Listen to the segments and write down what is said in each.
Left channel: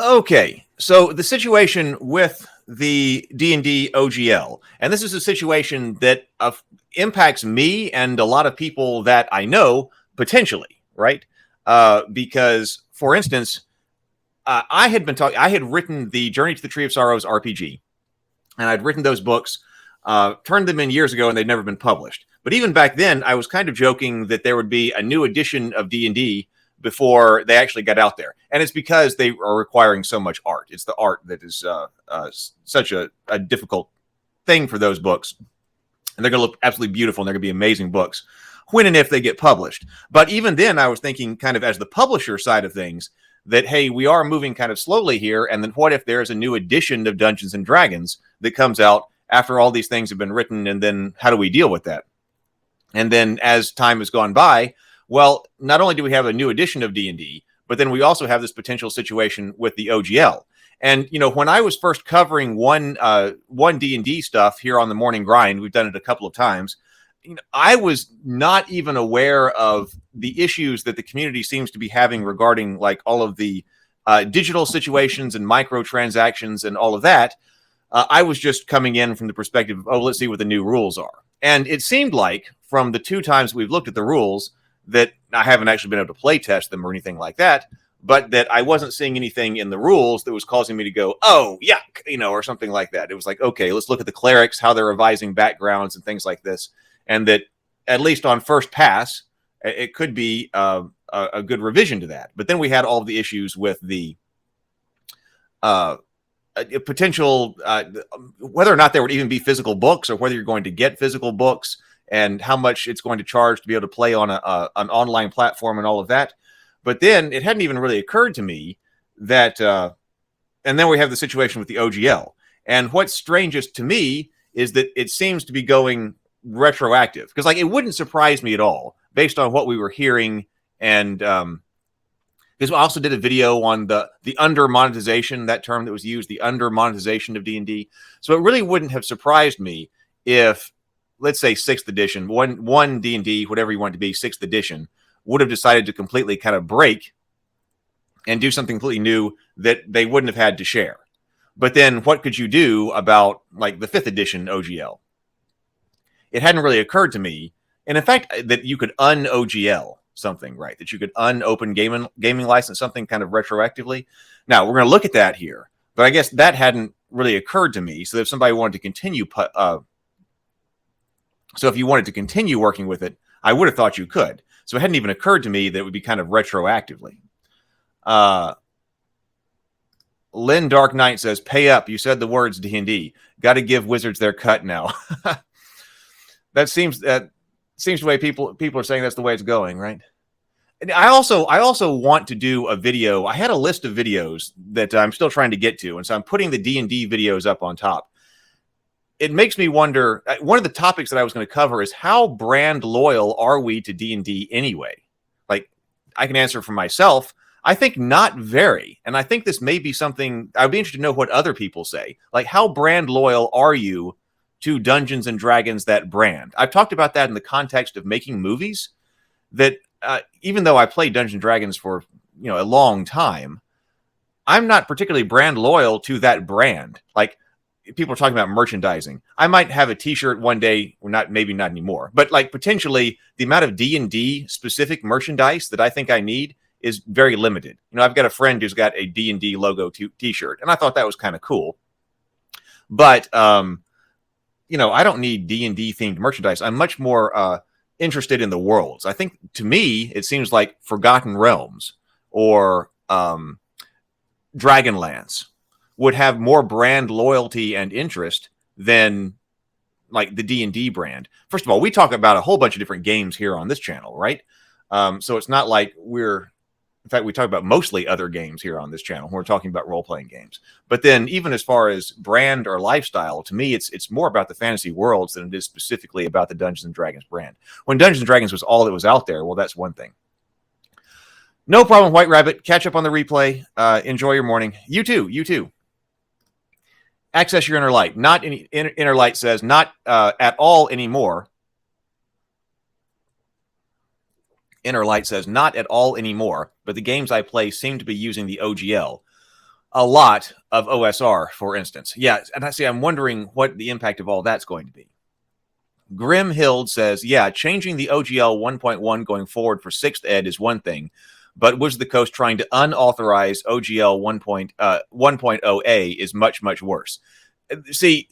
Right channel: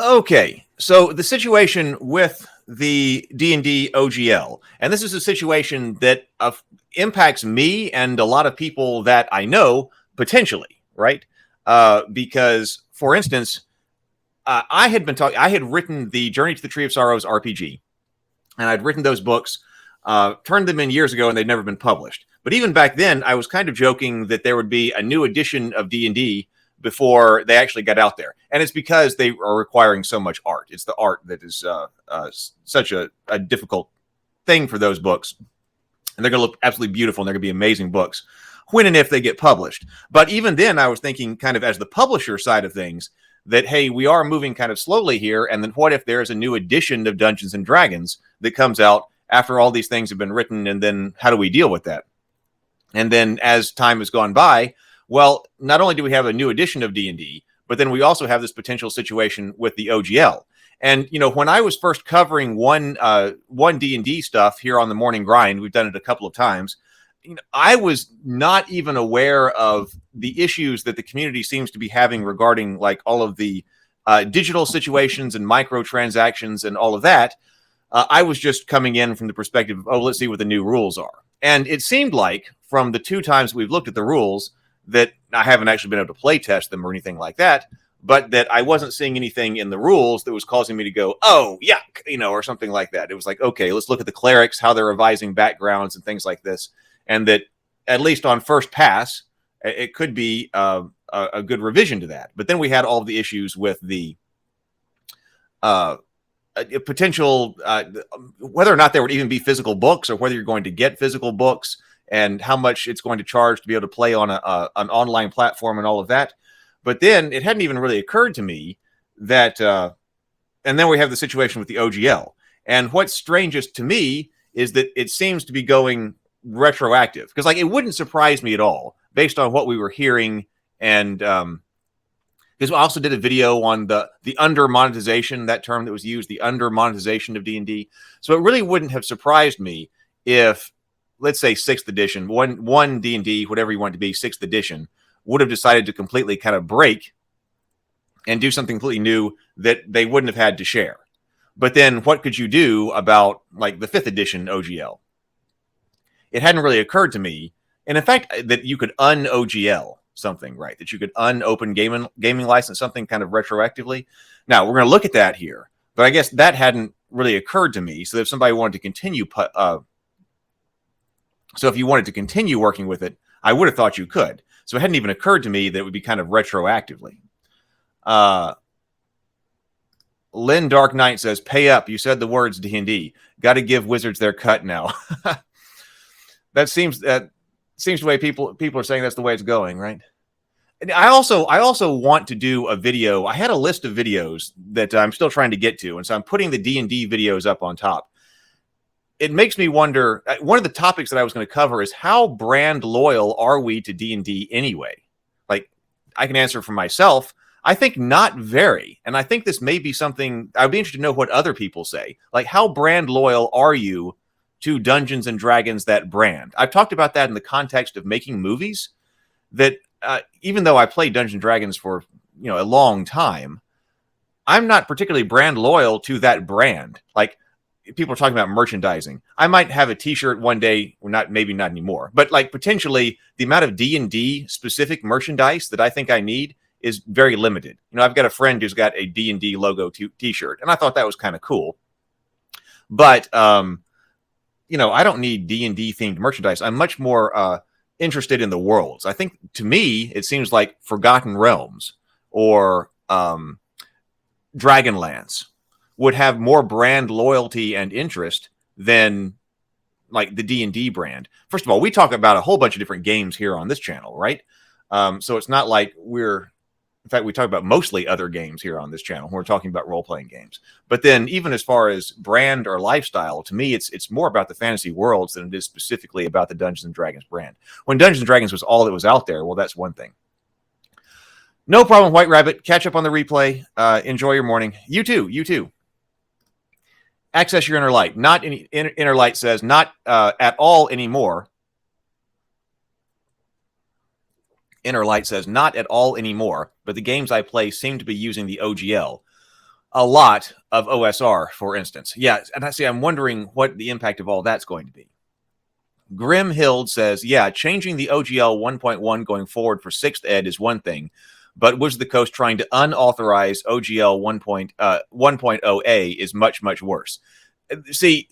Okay, so the situation with the D&D OGL, and this is a situation that impacts me and a lot of people that I know potentially, right? Because, for instance, I had written the Journey to the Tree of Sorrows RPG, and I'd written those books, turned them in years ago, and they'd never been published. But even back then, I was kind of joking that there would be a new edition of D&D before they actually got out there, and it's because they are requiring so much art. It's the art that is such a difficult thing for those books, and they're going to look absolutely beautiful, and they're going to be amazing books when and if they get published. But even then, I was thinking, kind of as the publisher side of things, that hey, we are moving kind of slowly here, and then what if there's a new edition of Dungeons and Dragons that comes out after all these things have been written, and then how do we deal with that? And then as time has gone by, well, not only do we have a new edition of D&D, but then we also have this potential situation with the OGL. And when I was first covering one D&D stuff here on the Morning Grind, we've done it a couple of times. I was not even aware of the issues that the community seems to be having regarding like all of the digital situations and microtransactions and all of that. I was just coming in from the perspective of, let's see what the new rules are. And it seemed like from the two times we've looked at the rules that I haven't actually been able to play test them or anything like that, but that I wasn't seeing anything in the rules that was causing me to go, oh, yuck, or something like that. It was like, okay, let's look at the clerics, how they're revising backgrounds and things like this. And that at least on first pass, it could be a good revision to that. But then we had all of the issues with the potential, whether or not there would even be physical books or whether you're going to get physical books and how much it's going to charge to be able to play on an online platform and all of that. But then it hadn't even really occurred to me that, and then we have the situation with the OGL. And what's strangest to me is that it seems to be going retroactive, because like it wouldn't surprise me at all based on what we were hearing. And because I also did a video on the under monetization, that term that was used, the under monetization of D&D. So it really wouldn't have surprised me if, let's say, 6th edition, one D&D, whatever you want it to be, 6th edition, would have decided to completely kind of break and do something completely new that they wouldn't have had to share. But then what could you do about like the 5th edition OGL? It hadn't really occurred to me. And in fact, that you could un-OGL something, right? That you could un-open gaming license something kind of retroactively. Now, we're going to look at that here. But I guess that hadn't really occurred to me. So if somebody wanted to continue... So if you wanted to continue working with it, I would have thought you could. So it hadn't even occurred to me that it would be kind of retroactively. Lynn Dark Knight says, pay up. You said the words D&D. Got to give wizards their cut now. That seems the way people are saying that's the way it's going, right? And I also want to do a video. I had a list of videos that I'm still trying to get to, and so I'm putting the D&D videos up on top. It makes me wonder, one of the topics that I was going to cover is how brand loyal are we to D&D anyway? Like, I can answer for myself. I think not very. And I think this may be something, I'd be interested to know what other people say. Like, how brand loyal are you to Dungeons and Dragons, that brand? I've talked about that in the context of making movies, that even though I played Dungeons and Dragons for, a long time, I'm not particularly brand loyal to that brand. Like, people are talking about merchandising. I might have a t-shirt one day, or not, maybe not anymore, but like potentially the amount of D&D specific merchandise that I think I need is very limited. I've got a friend who's got a D&D logo t-shirt, and I thought that was kind of cool. But, I don't need D&D themed merchandise. I'm much more interested in the worlds. I think, to me, it seems like Forgotten Realms or Dragonlance would have more brand loyalty and interest than like the D&D brand. First of all, we talk about a whole bunch of different games here on this channel, right? So it's not like in fact, we talk about mostly other games here on this channel when we're talking about role-playing games. But then even as far as brand or lifestyle, to me, it's more about the fantasy worlds than it is specifically about the Dungeons and Dragons brand. When Dungeons and Dragons was all that was out there, well, that's one thing. No problem, White Rabbit. Catch up on the replay. Enjoy your morning. You too. Access your inner light. Not any inner light says not at all anymore. Inner light says not at all anymore, but the games I play seem to be using the OGL. a lot of OSR, for instance. Yeah, and I'm wondering what the impact of all that's going to be. Grim Hild says, yeah, changing the OGL 1.1 going forward for 6th ed is one thing, but Wizards of the Coast trying to unauthorize OGL 1.0A is much, much worse. See,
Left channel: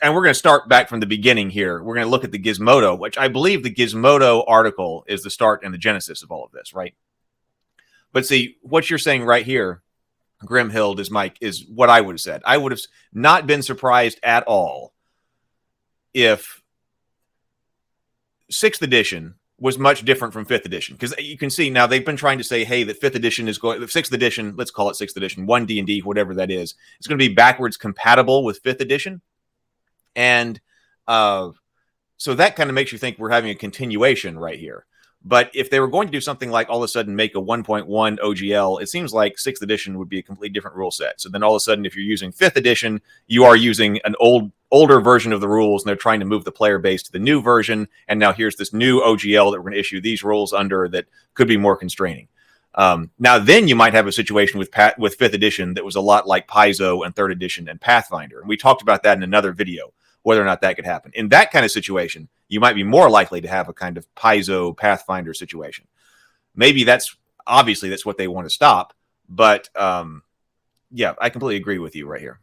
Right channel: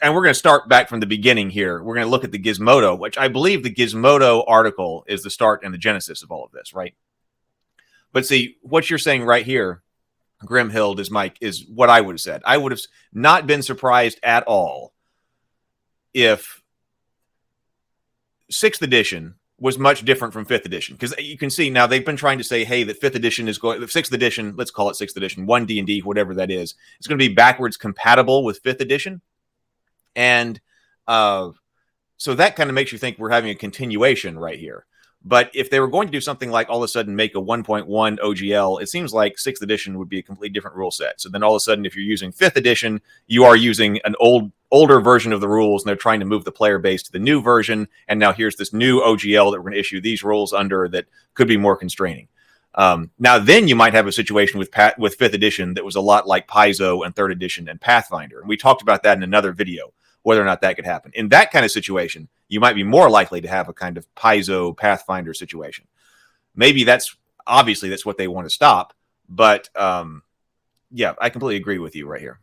and we're going to start back from the beginning here. We're going to look at the Gizmodo, which I believe the Gizmodo article is the start and the genesis of all of this, right? But see, what you're saying right here, Grimhild, is what I would have said. I would have not been surprised at all if 6th edition was much different from 5th edition, because you can see now they've been trying to say, hey, that 5th edition is going, 6th edition, let's call it 6th edition, 1 D&D, whatever that is, it's going to be backwards compatible with 5th edition. And so that kind of makes you think we're having a continuation right here. But if they were going to do something like all of a sudden make a 1.1 OGL, it seems like 6th edition would be a completely different rule set. So then all of a sudden, if you're using 5th edition, you are using an older version of the rules, and they're trying to move the player base to the new version. And now here's this new OGL that we're going to issue these rules under that could be more constraining. Now, then you might have a situation with 5th edition that was a lot like Paizo and 3rd edition and Pathfinder. And we talked about that in another video, whether or not that could happen. In that kind of situation, you might be more likely to have a kind of Paizo Pathfinder situation. Maybe that's what they want to stop. But yeah, I completely agree with you right here.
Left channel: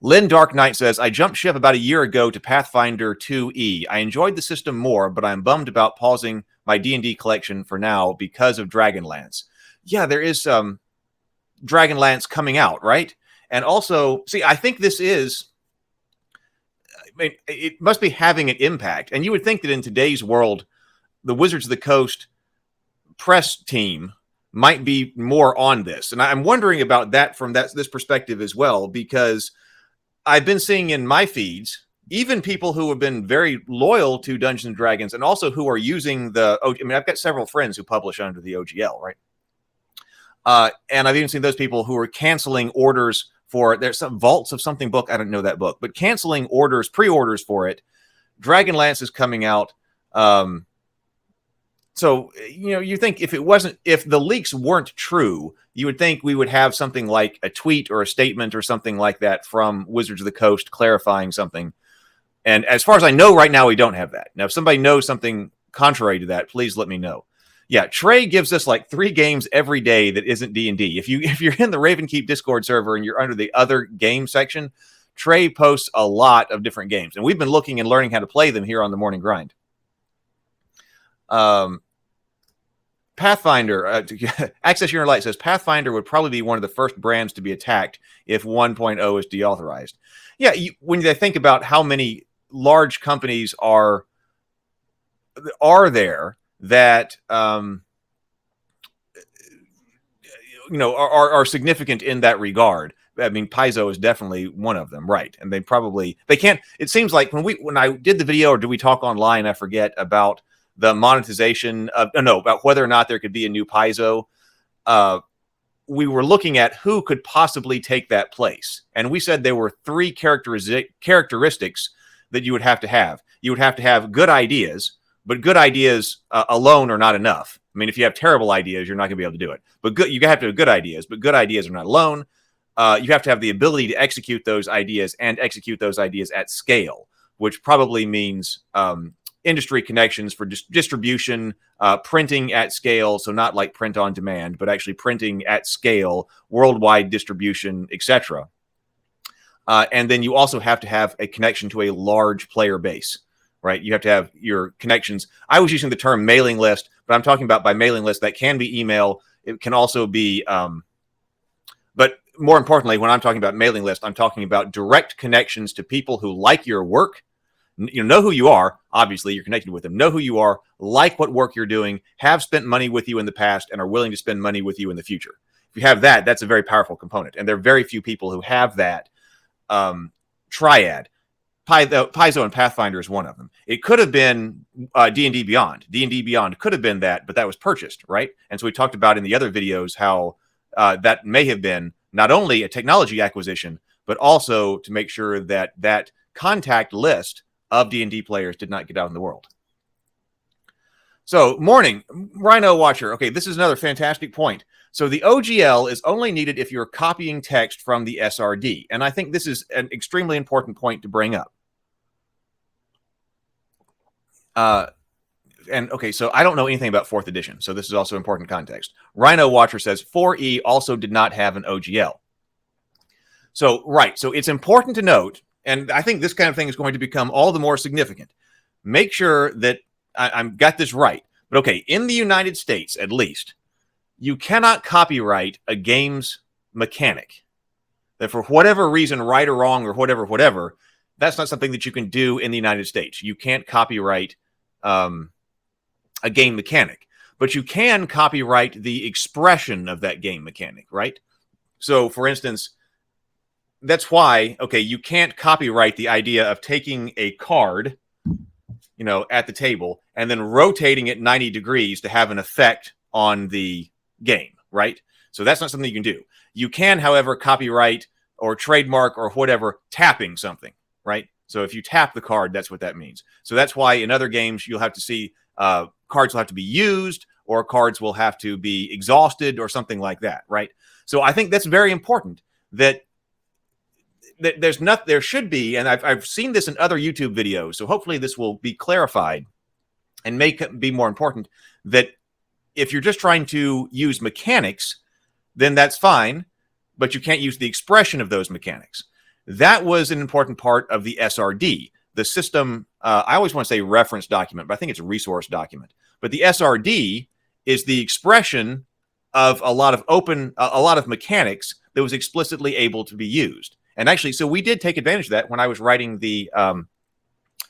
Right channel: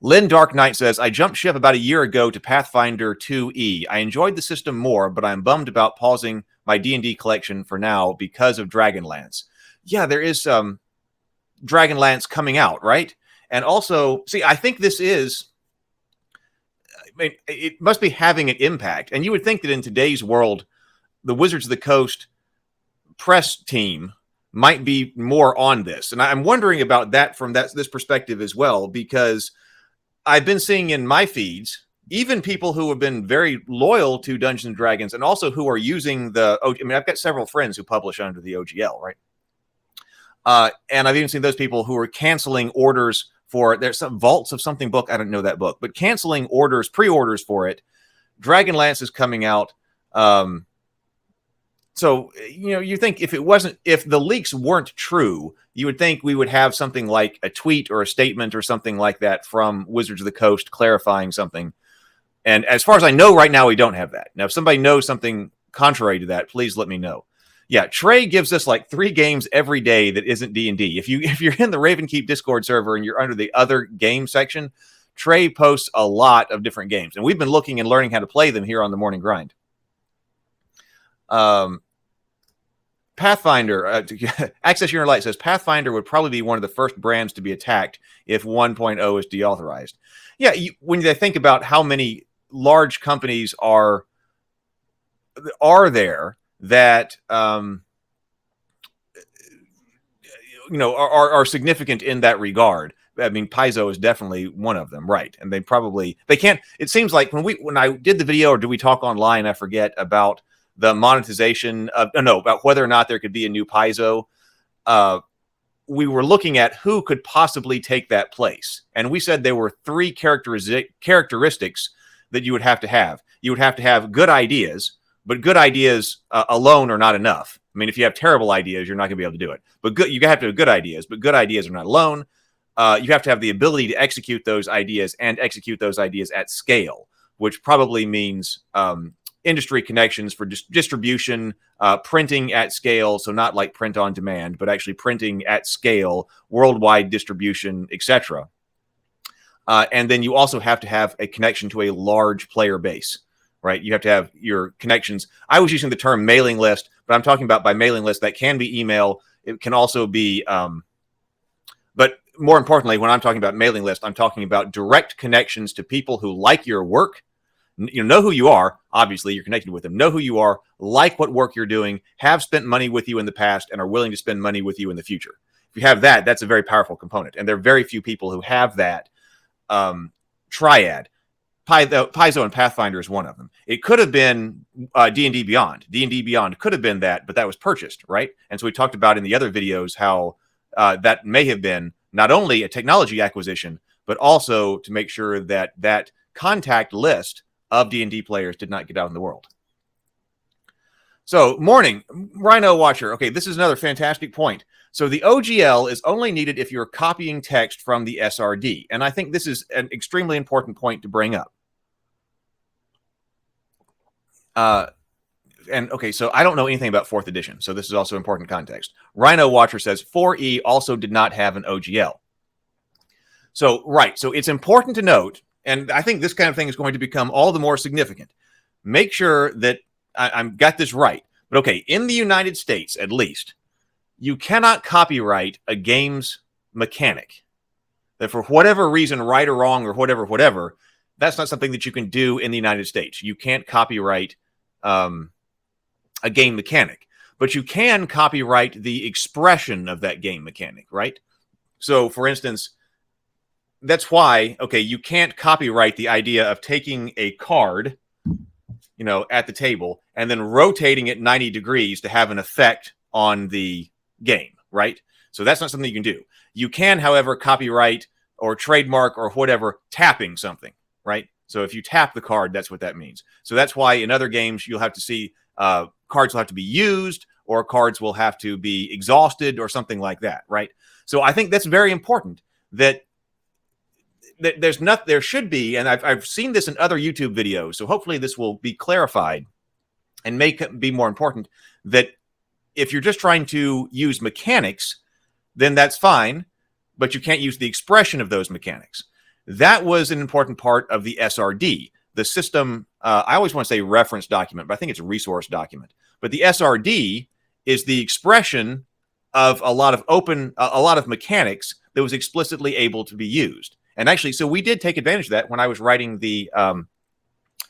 Lynn Dark Knight says, I jumped ship about a year ago to Pathfinder 2E. I enjoyed the system more, but I'm bummed about pausing my D&D collection for now because of Dragonlance. Yeah, there is Dragonlance coming out, right? And also, see, I think this is, I mean, it must be having an impact. And you would think that in today's world, the Wizards of the Coast press team might be more on this. And I'm wondering about that from this perspective as well, because I've been seeing in my feeds, even people who have been very loyal to Dungeons and Dragons and also who are using I've got several friends who publish under the OGL, right? And I've even seen those people who are canceling orders for, there's some Vaults of Something book, I don't know that book, but canceling pre-orders for it. Dragonlance is coming out. So, you think if the leaks weren't true, you would think we would have something like a tweet or a statement or something like that from Wizards of the Coast clarifying something. And as far as I know right now, we don't have that. Now, if somebody knows something contrary to that, please let me know. Yeah, Trey gives us like 3 games every day that isn't D&D. If you're in the Ravenkeep Discord server and you're under the other game section, Trey posts a lot of different games. And we've been looking and learning how to play them here on the Morning Grind. Pathfinder, Access Your Inner Light says, Pathfinder would probably be one of the first brands to be attacked if 1.0 is deauthorized. Yeah, when they think about how many large companies are there that are significant in that regard. I mean, Paizo is definitely one of them, right? And they can't. It seems like when I did the video, or did we talk online? I forget about the monetization of about whether or not there could be a new Paizo. We were looking at who could possibly take that place, and we said there were 3 characteristics that you would have to have. You would have to have good ideas, but good ideas alone are not enough. I mean, if you have terrible ideas, you're not going to be able to do it. But you have to have good ideas, but good ideas are not alone. You have to have the ability to execute those ideas and execute those ideas at scale, which probably means industry connections for distribution, printing at scale. So not like print on demand, but actually printing at scale, worldwide distribution, etc. And then you also have to have a connection to a large player base, right? You have to have your connections. I was using the term mailing list, but I'm talking about by mailing list, that can be email. It can also be, but more importantly, when I'm talking about mailing list, I'm talking about direct connections to people who like your work, know who you are. Obviously, you're connected with them. Know who you are, like what work you're doing, have spent money with you in the past, and are willing to spend money with you in the future. If you have that, that's a very powerful component. And there are very few people who have that triad. Paizo and Pathfinder is one of them. It could have been D&D Beyond. D&D Beyond could have been that, but that was purchased, right? And so we talked about in the other videos how that may have been not only a technology acquisition, but also to make sure that that contact list of D&D players did not get out in the world. So, morning, Rhino Watcher. Okay, this is another fantastic point. So the OGL is only needed if you're copying text from the SRD. And I think this is an extremely important point to bring up. And okay, so I don't know anything about 4th edition, so this is also important context. Rhino Watcher says 4E also did not have an OGL. So, right, so it's important to note, and I think this kind of thing is going to become all the more significant. Make sure that I've got this right. But okay, in the United States, at least, you cannot copyright a game's mechanic. That for whatever reason, right or wrong or whatever, that's not something that you can do in the United States. You can't copyright a game mechanic, but you can copyright the expression of that game mechanic, right? So, for instance, that's why, okay, you can't copyright the idea of taking a card, you know, at the table and then rotating it 90 degrees to have an effect on the game, right? So that's not something you can do. You can, however, copyright or trademark or whatever tapping something, right? So if you tap the card, that's what that means. So that's why in other games you'll have to see cards will have to be used or cards will have to be exhausted or something like that, right? So I think that's very important that there should be, and I've seen this in other YouTube videos, so hopefully this will be clarified and make be more important, that if you're just trying to use mechanics, then that's fine, but you can't use the expression of those mechanics. That was an important part of the SRD, the system. I always want to say reference document, but I think it's a resource document. But the SRD is the expression of a lot of mechanics that was explicitly able to be used. And actually, so we did take advantage of that when I was writing the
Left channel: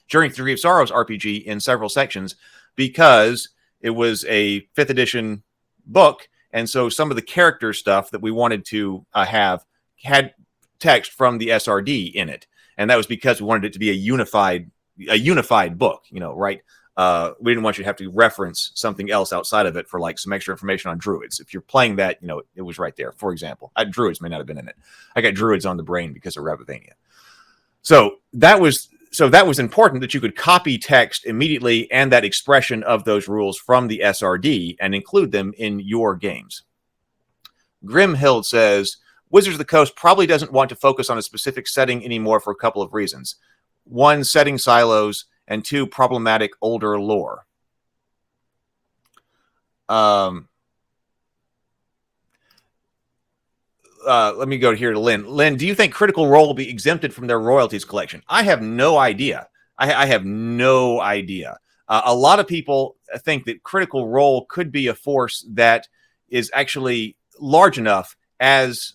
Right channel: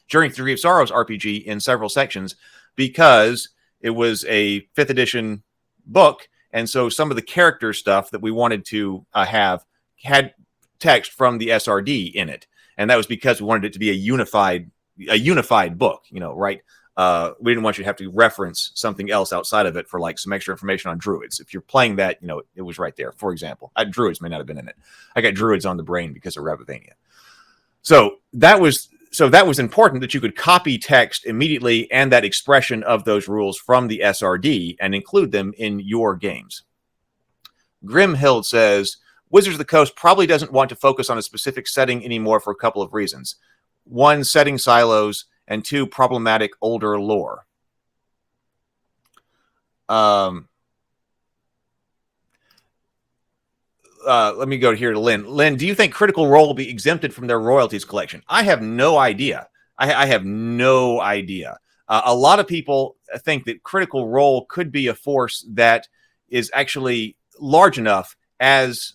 Journey Through Three of Sorrows RPG in several sections, because it was a 5th edition book. And so some of the character stuff that we wanted to have had text from the SRD in it. And that was because we wanted it to be a unified book, you know, right? We didn't want you to have to reference something else outside of it for like some extra information on druids. If you're playing that, you know, it was right there. For example, druids may not have been in it. I got druids on the brain because of Revoking. So that was important that you could copy text immediately and that expression of those rules from the SRD and include them in your games. Grimhild says, Wizards of the Coast probably doesn't want to focus on a specific setting anymore for a couple of reasons. 1, setting silos, and 2, problematic older lore. Let me go here to Lynn. Lynn, do you think Critical Role will be exempted from their royalties collection? I have no idea. I have no idea. A lot of people think that Critical Role could be a force that is actually large enough as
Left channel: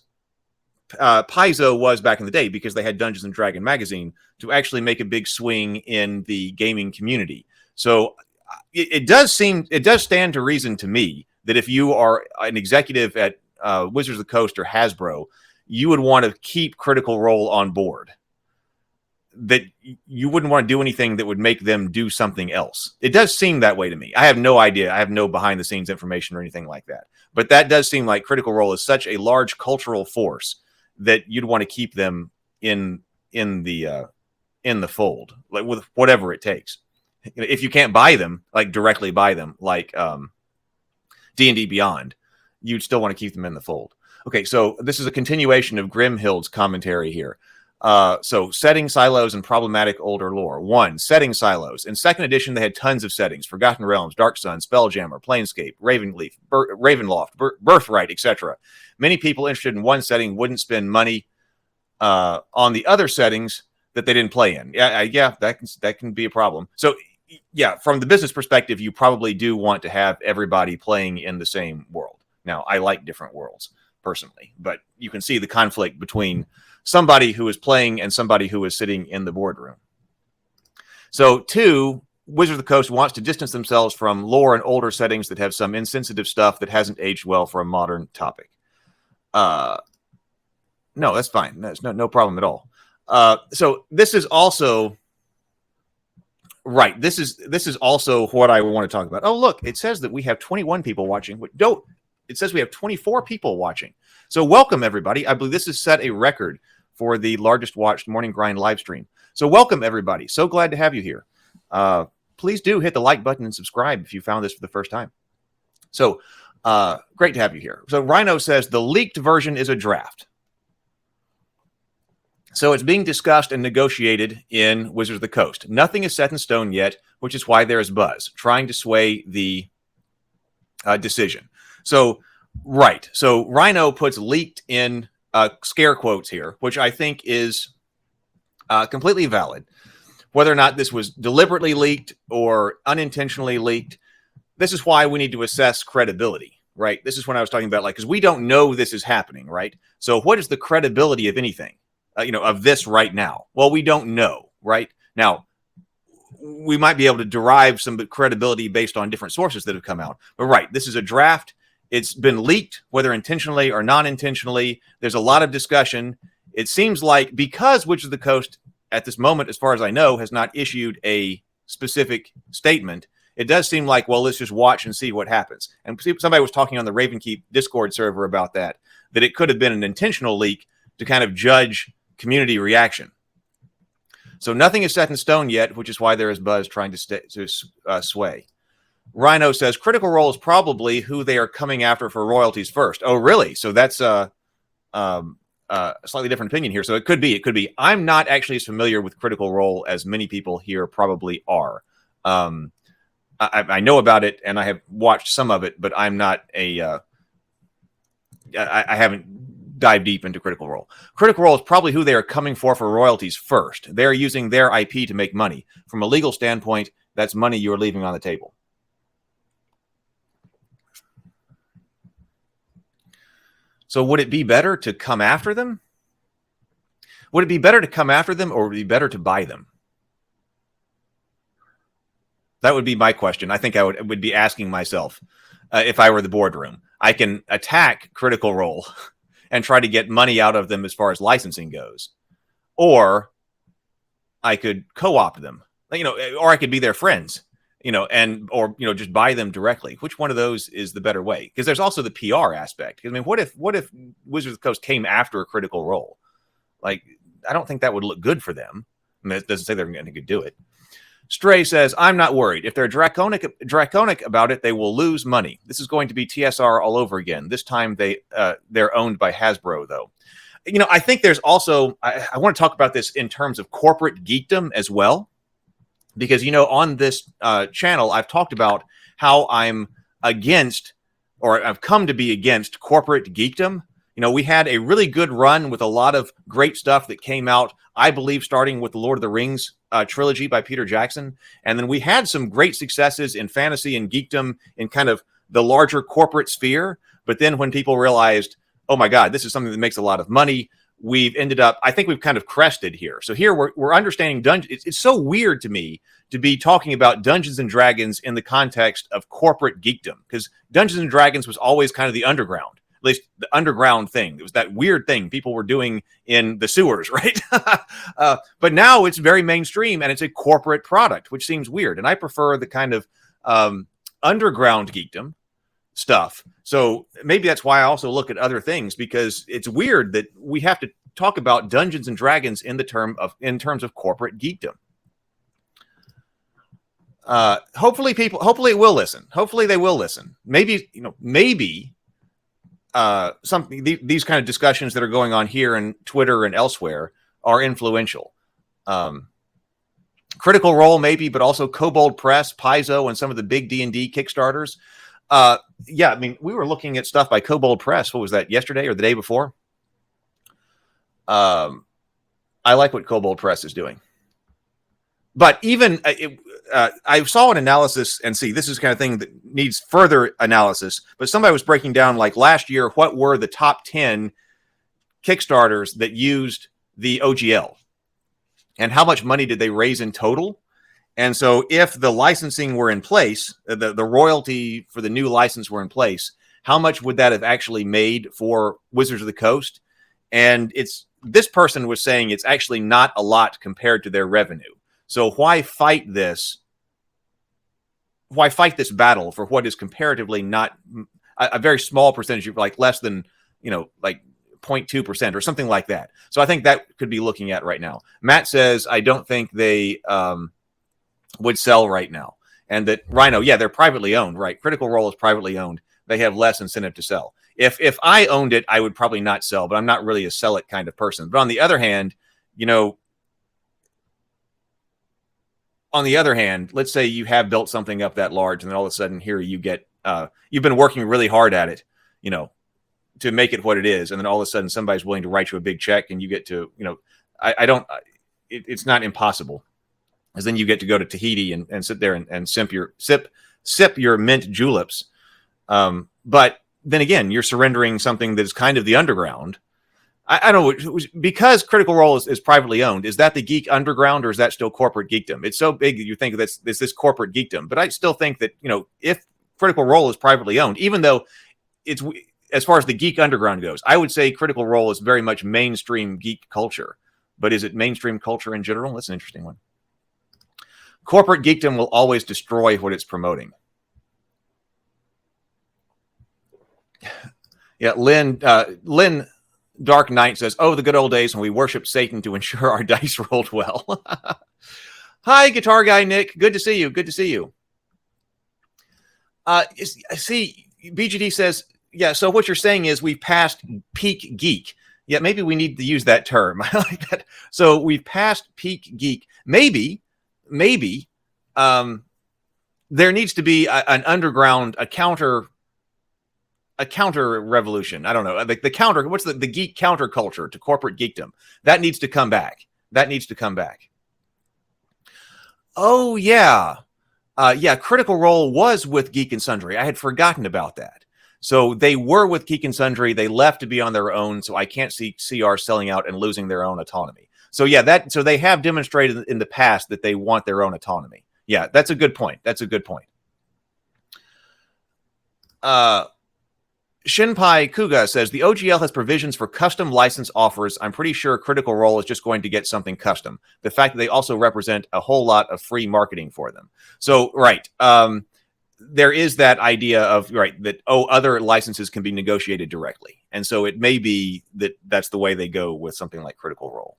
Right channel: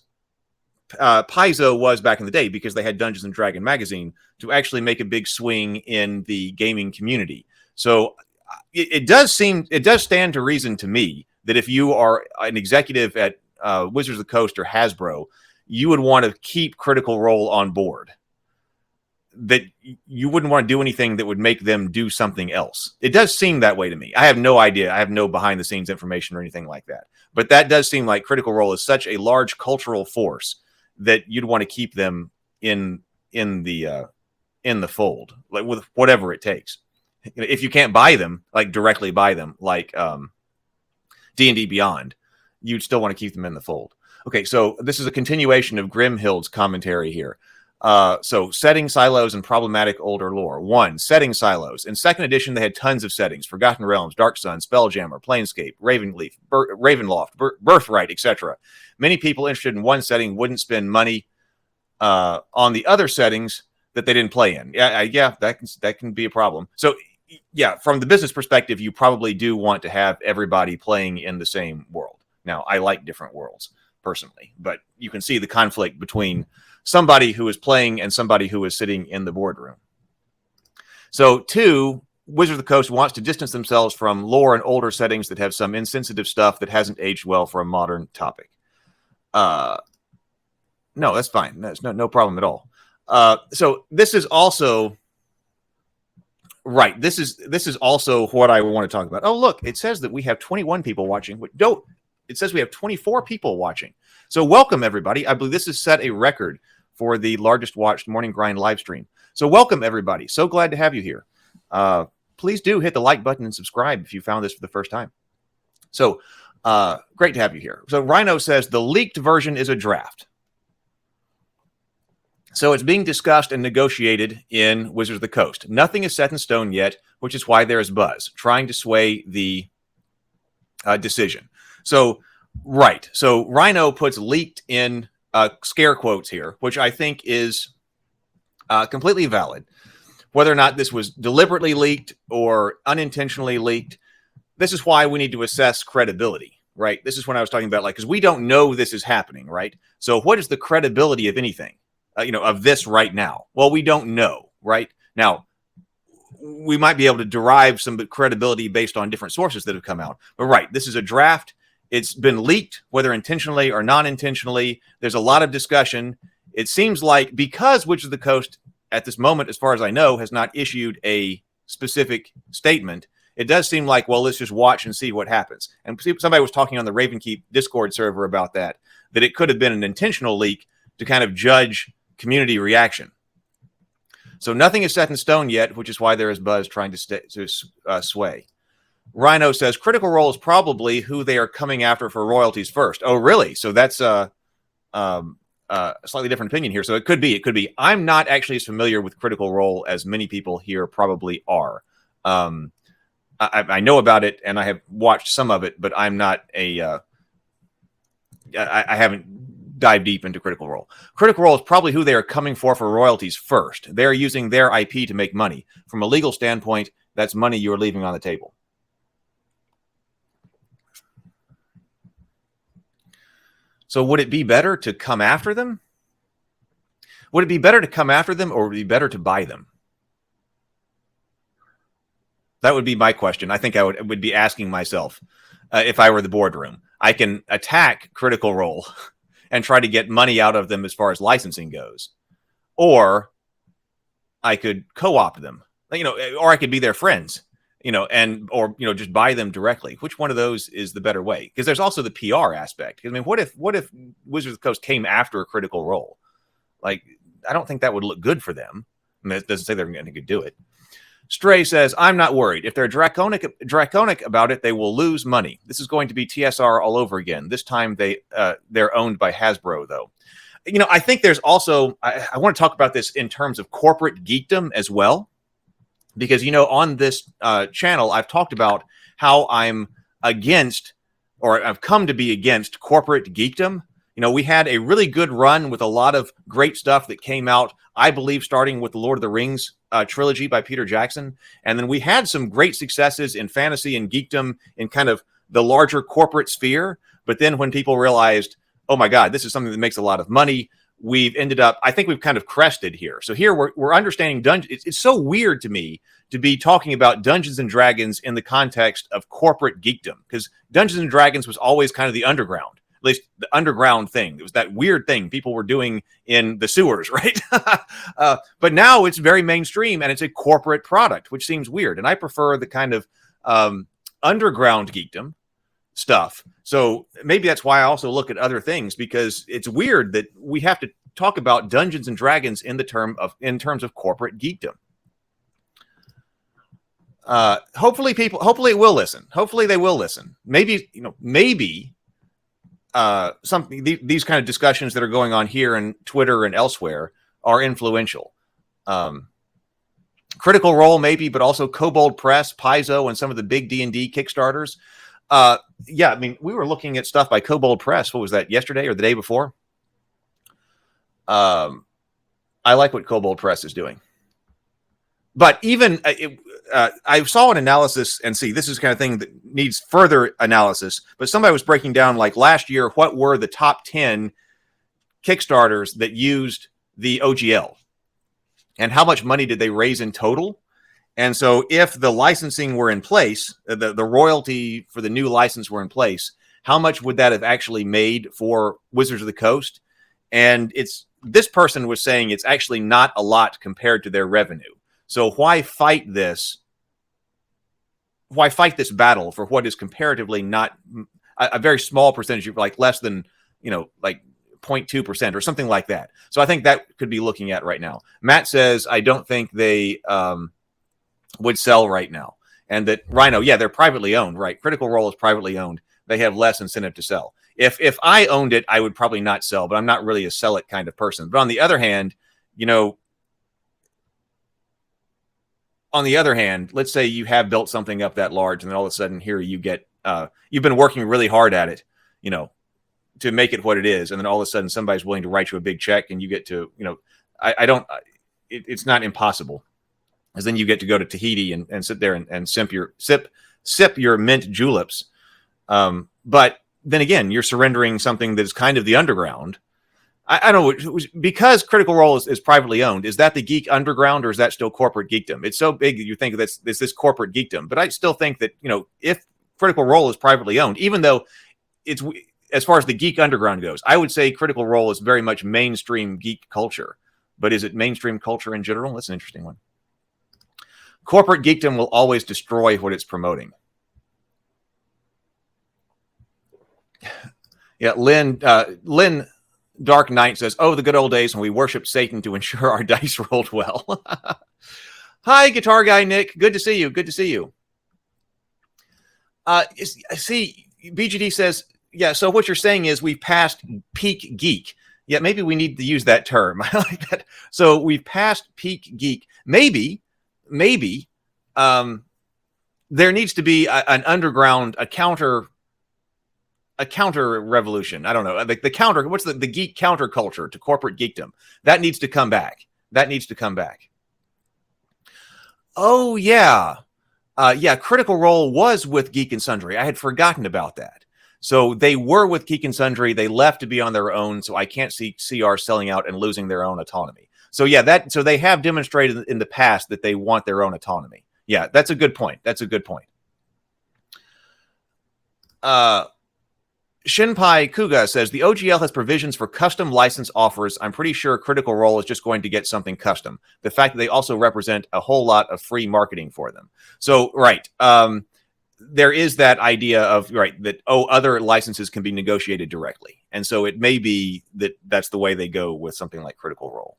Paizo was back in the day, because they had Dungeons and Dragon magazine, to actually make a big swing in the gaming community. So it does stand to reason to me that if you are an executive at Wizards of the Coast or Hasbro, you would want to keep Critical Role on board. That you wouldn't want to do anything that would make them do something else. It does seem that way to me. I have no idea. I have no behind the scenes information or anything like that. But that does seem like Critical Role is such a large cultural force that you'd want to keep them in the fold, like with whatever it takes. If you can't buy them, like directly buy them, like D&D Beyond, you'd still want to keep them in the fold. Okay, so this is a continuation of Grimhild's commentary here. So setting silos and problematic older lore. 1, setting silos. In 2nd edition, they had tons of settings: Forgotten Realms, Dark Sun, Spelljammer, Planescape, Ravenleaf, Ravenloft, Birthright, etc. Many people interested in one setting wouldn't spend money on the other settings that they didn't play in. Yeah, that can be a problem. So yeah, from the business perspective, you probably do want to have everybody playing in the same world. Now, I like different worlds personally, but you can see the conflict between somebody who is playing and somebody who is sitting in the boardroom. So 2, Wizards of the Coast wants to distance themselves from lore and older settings that have some insensitive stuff that hasn't aged well for a modern topic. No, that's fine. That's no problem at all. So this is also right. This is also what I want to talk about. Oh, look, it says that we have 21 people watching. It says we have 24 people watching. So welcome, everybody. I believe this has set a record for the largest watched Morning Grind live stream. So welcome, everybody. So glad to have you here. Please do hit the like button and subscribe if you found this for the first time. So Great to have you here. So Rhino says the leaked version is a draft. So it's being discussed and negotiated in Wizards of the Coast. Nothing is set in stone yet, which is why there is buzz, trying to sway the decision. So, right. So Rhino puts leaked in scare quotes here, which I think is completely valid. Whether or not this was deliberately leaked or unintentionally leaked, this is why we need to assess credibility, right? This is when I was talking about, like, because we don't know this is happening, right? So what is the credibility of anything, of this right now? Well, we don't know, right? Now, we might be able to derive some credibility based on different sources that have come out. But right, this is a draft. It's been leaked, whether intentionally or non-intentionally. There's a lot of discussion. It seems like because Wizards of the Coast at this moment, as far as I know, has not issued a specific statement, it does seem like, well, let's just watch and see what happens. And somebody was talking on the Ravenkeep Discord server about that it could have been an intentional leak to kind of judge community reaction. So nothing is set in stone yet, which is why there is buzz trying to sway. Rhino says Critical Role is probably who they are coming after for royalties first. Oh, really? So that's a slightly different opinion here. So it could be. It could be. I'm not actually as familiar with Critical Role as many people here probably are. I know about it and I have watched some of it, but I'm not I haven't dived deep into Critical Role. Critical Role is probably who they are coming for royalties first. They're using their IP to make money. From a legal standpoint, that's money you're leaving on the table. So would it be better to come after them? Would it be better to come after them, or would it be better to buy them? That would be my question. I think I would be asking myself if I were the boardroom. I can attack Critical Role and try to get money out of them as far as licensing goes, or I could co-opt them, or I could be their friends, or just buy them directly. Which one of those is the better way? Because there's also the PR aspect. I mean, what if Wizards of the Coast came after a Critical Role? Like, I don't think that would look good for them. I mean, it doesn't say they're going to do it. Stray says, I'm not worried. If they're draconic about it, they will lose money. This is going to be TSR all over again. This time they're owned by Hasbro, though. I think there's also, I want to talk about this in terms of corporate geekdom as well. Because, on this channel, I've talked about how I'm against, or I've come to be against corporate geekdom. We had a really good run with a lot of great stuff that came out, I believe, starting with the Lord of the Rings trilogy by Peter Jackson. And then we had some great successes in fantasy and geekdom in kind of the larger corporate sphere. But then when people realized, oh my God, this is something that makes a lot of money, we've ended up, I think we've kind of crested here. So here we're understanding Dungeons. It's so weird to me to be talking about Dungeons and Dragons in the context of corporate geekdom, because Dungeons and Dragons was always kind of the underground. At least the underground thing. It was that weird thing people were doing in the sewers, right? But now it's very mainstream and it's a corporate product, which seems weird. And I prefer the kind of underground geekdom stuff. So maybe that's why I also look at other things, because it's weird that we have to talk about Dungeons and Dragons in terms of corporate geekdom. Hopefully it will listen. Hopefully they will listen. Maybe these kind of discussions that are going on here and Twitter and elsewhere are influential. Critical Role maybe, but also Kobold Press, Paizo, and some of the big D&D Kickstarters. Yeah, I mean, we were looking at stuff by Kobold Press. What was that, yesterday or the day before? I like what Kobold Press is doing. But even I saw an analysis, and see, this is the kind of thing that needs further analysis. But somebody was breaking down, like, last year, what were the top 10 Kickstarters that used the OGL, and how much money did they raise in total? And so, if the licensing were in place, the royalty for the new license were in place, how much would that have actually made for Wizards of the Coast? And this person was saying it's actually not a lot compared to their revenue. So why fight this? Why fight this battle for what is comparatively not a very small percentage, like less than, like 0.2% or something like that. So I think that could be looking at right now. Matt says, I don't think they would sell right now. And that Rhino, yeah, they're privately owned, right? Critical Role is privately owned. they have less incentive to sell. If I owned it, I would probably not sell, but I'm not really a sell it kind of person. But on the other hand, let's say you have built something up that large, and then all of a sudden here you get, you've been working really hard at it, to make it what it is. And then all of a sudden somebody's willing to write you a big check and you get to, it's not impossible. Because then you get to go to Tahiti and sit there and sip your mint juleps. But then again, you're surrendering something that is kind of the underground. I don't know, because Critical Role is privately owned. Is that the geek underground, or is that still corporate geekdom? It's so big that you think that's this corporate geekdom. But I still think that, if Critical Role is privately owned, even though it's, as far as the geek underground goes, I would say Critical Role is very much mainstream geek culture. But is it mainstream culture in general? That's an interesting one. Corporate geekdom will always destroy what it's promoting. Yeah, Lynn Dark Knight says, "Oh, the good old days when we worshiped Satan to ensure our dice rolled well." Hi, Guitar Guy Nick. Good to see you. Good to see you. See, BGD says, yeah, so what you're saying is we've passed peak geek. Yeah, maybe we need to use that term. I like that. So we've passed peak geek. Maybe there needs to be an underground, a counter revolution. I don't know. The counter, what's the geek counterculture to corporate geekdom? That needs to come back. Oh, yeah. Critical Role was with Geek and Sundry. I had forgotten about that. So they were with Geek and Sundry. They left to be on their own. So I can't see CR selling out and losing their own autonomy. So yeah, so they have demonstrated in the past that they want their own autonomy. Yeah, that's a good point. Shinpai Kuga says, the OGL has provisions for custom license offers. I'm pretty sure Critical Role is just going to get something custom. The fact that they also represent a whole lot of free marketing for them. So, right. There is that idea of, that, other licenses can be negotiated directly. And so it may be that that's the way they go with something like Critical Role.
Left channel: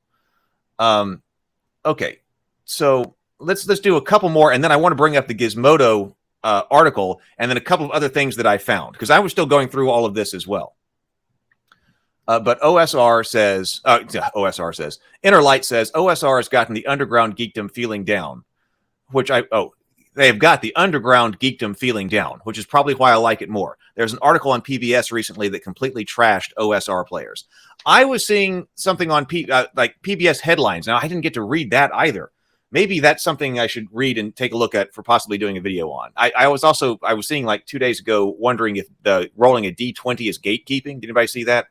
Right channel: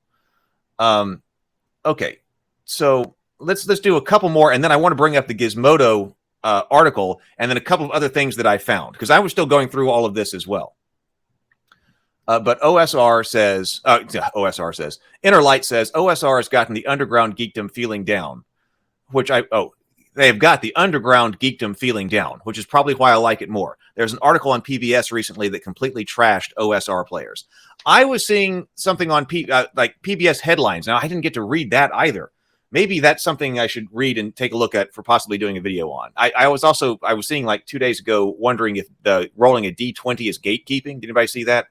Okay. So let's do a couple more. And then I want to bring up the Gizmodo article, and then a couple of other things that I found, because I was still going through all of this as well. But OSR says, Inner Light says, OSR has gotten the underground geekdom feeling down, they have got the underground geekdom feeling down, which is probably why I like it more. There's an article on PBS recently that completely trashed OSR players. I was seeing something on PBS headlines. Now, I didn't get to read that either. Maybe that's something I should read and take a look at for possibly doing a video on. I was seeing 2 days ago, wondering if the rolling a D20 is gatekeeping. Did anybody see that?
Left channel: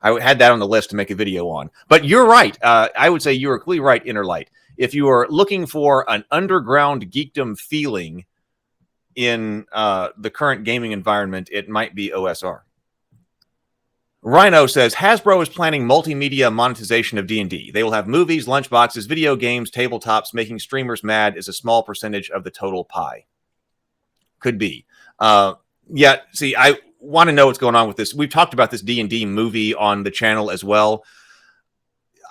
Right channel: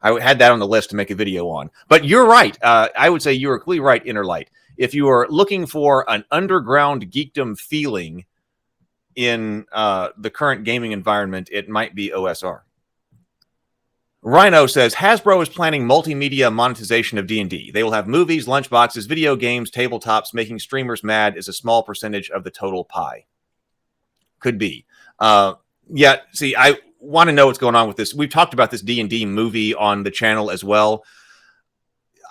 I had that on the list to make a video on. But you're right. I would say you are clearly right, Inner Light. If you are looking for an underground geekdom feeling in the current gaming environment, it might be OSR. Rhino says, Hasbro is planning multimedia monetization of D&D. They will have movies, lunchboxes, video games, tabletops. Making streamers mad is a small percentage of the total pie. Could be. See, I want to know what's going on with this. We've talked about this D&D movie on the channel as well.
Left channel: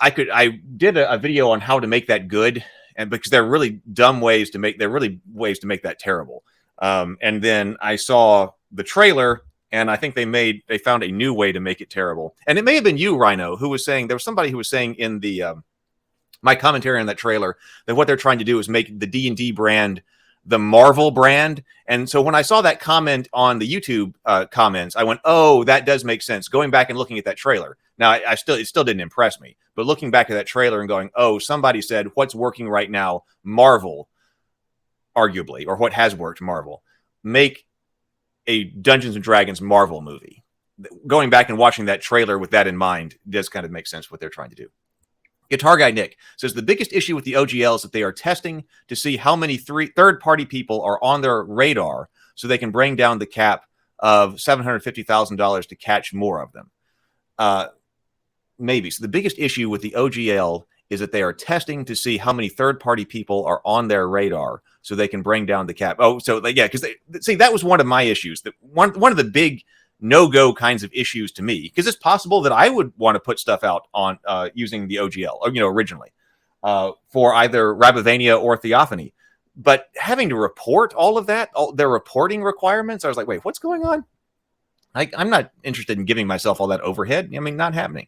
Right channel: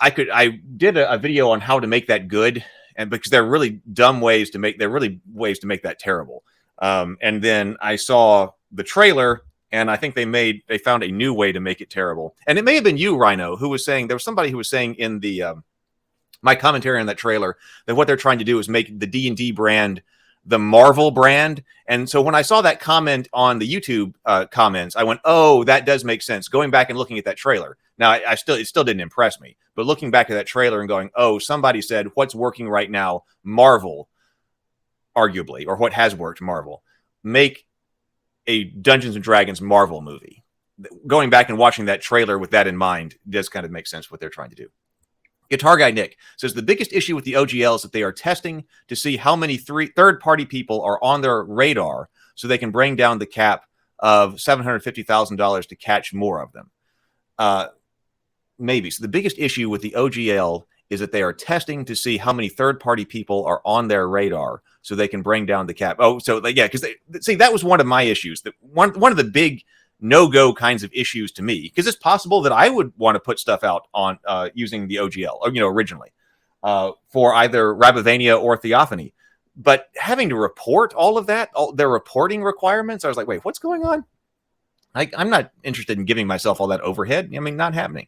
I did a video on how to make that good, and because there are really ways to make that terrible. And then I saw the trailer, and I think they found a new way to make it terrible. And it may have been you, Rhino, who was saying, there was somebody who was saying in the my commentary on that trailer that what they're trying to do is make the D&D brand the Marvel brand. And so when I saw that comment on the YouTube comments, I went, oh, that does make sense. Going back and looking at that trailer. Now, it still didn't impress me. But looking back at that trailer and going, oh, somebody said what's working right now, Marvel, arguably, or what has worked, Marvel, make a Dungeons and Dragons Marvel movie. Going back and watching that trailer with that in mind does kind of make sense what they're trying to do. Guitar Guy Nick says the biggest issue with the OGL is that they are testing to see how many third-party people are on their radar so they can bring down the cap of $750,000 to catch more of them. Maybe. So the biggest issue with the OGL is that they are testing to see how many third-party people are on their radar so they can bring down the cap. Oh, so because that was one of my issues. That one of the big no-go kinds of issues to me, because it's possible that I would want to put stuff out on using the OGL, or, originally for either Rabavania or Theophany. But having to report all of that, all their reporting requirements, I was like, wait, what's going on? I'm not interested in giving myself all that overhead. I mean, not happening.